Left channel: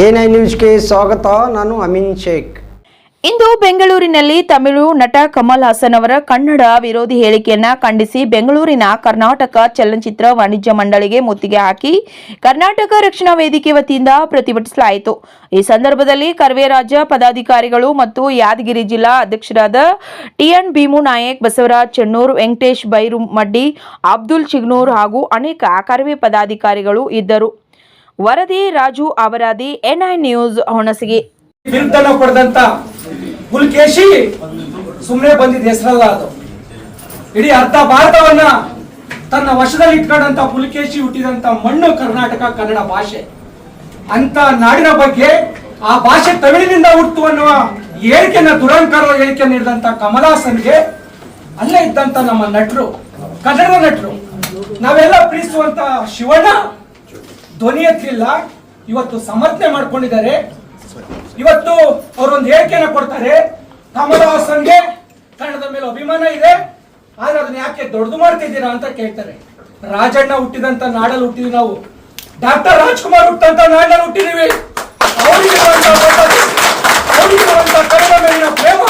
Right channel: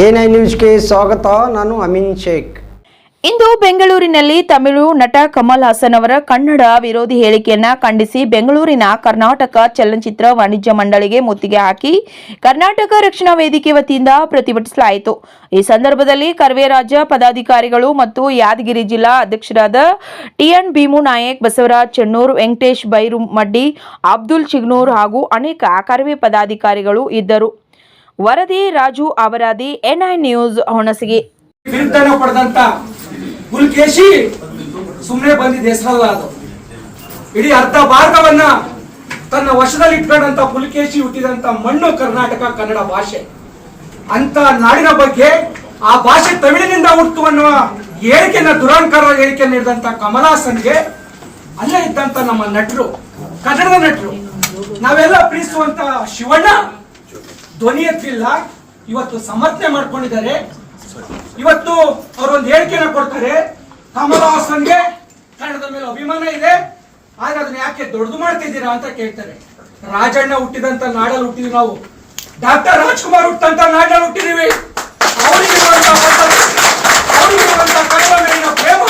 I ನ್ಯೂಸ್ಗೆ ಸ್ವಾಗತ. ನಾನು ಅಮಿನ್ ಶೇಖ್. ಇಂದು ಬೆಂಗಳೂರಿನಲ್ಲಿ ತಮಿಳು ನಟ ಕಮಲ್ ಹಾಸನ್ ಅವರ ಕನ್ನಡ ವಿರೋಧಿ ಹೇಳಿಕೆಯನ್ನ ಖಂಡಿಸಿ ಬೆಂಗಳೂರಿನ ಕರ್ನಾಟಕ ಚಲನಚಿತ್ರ ವಾಣಿಜ್ಯ ಮಂಡಳಿಗೆ ಮುತ್ತಿಗೆ ಹಾಕಿ ಕರ್ನಾಟಕ ರಕ್ಷಣಾ ವೇದಿಕೆ ವತಿಯಿಂದ ಪ್ರತಿಭಟಿಸಲಾಯಿತು. ಈ ಸಂದರ್ಭದಲ್ಲಿ ಕರ್ವೆ ರಾಜ್ಯ ಪದಾಧಿಕಾರಿಗಳು ಮತ್ತು ಯಾದಗಿರಿ ಜಿಲ್ಲಾ ಅಧ್ಯಕ್ಷರಾದ ಟಿಎನ್ ಭೀಮು ನಾಯಕ್, ಬಸವರಾಜ್ ಚೆನ್ನೂರ್, ವೆಂಕಟೇಶ್ ಬೈರು ಮಡ್ಡಿ ಅಬ್ದುಲ್ ಚಿಗ್ನೂರ್ ಹಾಗೂ ಅನೇಕ ಕರ್ವೆ ಪದಾಧಿಕಾರಿಗಳು ಇದ್ದರು. ವರದಿ ರಾಜು ಅವರಾದಿ ಎನ್ಐ ನ್ಯೂಸ್ ಹೊಣಸಿಗೆ. ಬಿರುದ್ದನ್ನ ಪಡೆದಂತ ಪುಲ್ಕೇಶಿ ಸುಮ್ಮನೆ ಬಂದಿದ್ದ ಹೆಸರಲ್ಲ ಅದು. ಇಡೀ ಅರ್ಧ ಭಾರತವನ್ನ ತನ್ನ ವಶದಲ್ಲಿ ಇಟ್ಕೊಂಡಂತ ಪುಲಿಕೇಶಿ ಹುಟ್ಟಿದಂತ ಮಣ್ಣು ಕರ್ನಾಟಕ ಕನ್ನಡ ಭಾಷೆ. ಅಂತ ನಾಡಿನ ಬಗ್ಗೆ ಆ ಭಾಷೆ ತಮಿಳಿನಿಂದ ಹುಟ್ಟು ಅನ್ನುವ ಹೇಳಿಕೆಯನ್ನ ದುರಾಂಕಾರ ಹೇಳಿಕೆ ನೀಡಿದಂತ ಕಮಲಾಸನ್ಗೆ ಅಲ್ಲೇ ಇದ್ದಂತ ನಮ್ಮ ನಟರು, ಕನ್ನಡದ ನಟರು. ನಾವೆಲ್ಲ ಪ್ರೀತಿಸುವಂತ ಶಿವಣ್ಣ ಧ್ವನಿ ಎತ್ತಿಲ್ಲ. ಇವತ್ತು ಸಮರ್ಥನೆ ಮಾಡ್ಕೊಂಡಿದ್ದಾರೆ. ಇವತ್ತು ಅವರೊಂದು ಹೇಳಿಕೆನ ಕೊಡ್ತಾರೆ. ಕಮಲ್ ಹಾಸನ್ಗೆ ಕನ್ನಡದ ಮೇಲೆ ಅಭಿಮಾನ ಇದೆ. ಆದ್ರೆ ಅದನ್ನ ಯಾಕೆ ದೊಡ್ಡದು ಮಾಡ್ತಿದ್ದೀರಾ ಅಂತ ಕೇಳ್ತಾರೆ. ರಾಜಣ್ಣ ಹುಟ್ಟಿದಂತ ನಾಡಲ್ಲಿ ಹುಟ್ಟಿದ್ವಿ ನಾವು. ಡಾಕ್ಟರ್ ರಾಜ್ಕುಮಾರ್ ಹುಟ್ಟಂತ ನಾಡಲ್ಲಿ ಹುಟ್ಟಿದೀವಿ ಮೇಲಿನ ಪ್ರೇಮ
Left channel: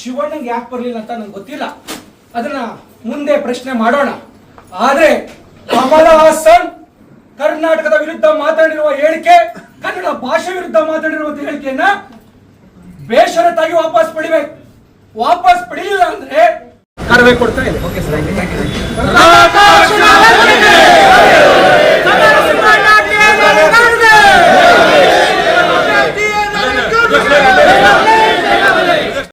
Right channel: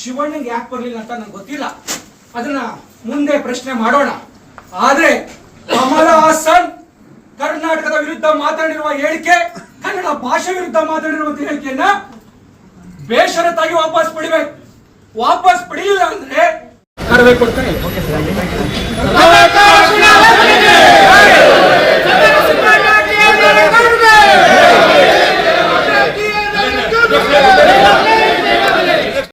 ಶಿವಣ್ಣಂಗೆ ಯಾಕೆ ಬರಲಿಲ್ಲ ಅಂತ ನಂಗೆ ಗೊತ್ತಿಲ್ಲ. ಅದನ್ನ ಮುಂದೆ ಪ್ರಶ್ನೆ ಮಾಡೋಣ. ಆದ್ರೆ ಕಮಲ ಹಾಸನ್ ಕರ್ನಾಟಕದ ವಿರುದ್ಧ ಮಾತಾಡಿರುವ ಹೇಳಿಕೆ ಕನ್ನಡ ಭಾಷೆ ವಿರುದ್ಧ ಮಾತಾಡಿರುವ ಹೇಳಿಕೆಯನ್ನ ಬೇಷರತ್ತಾಗಿ ವಾಪಸ್ ಪಡಿಬೇಕು. ವಾಪಸ್ ಪಡೆಯಲಿಲ್ಲ ಅಂದ್ರೆ ಕೊಡ್ತಾರೆ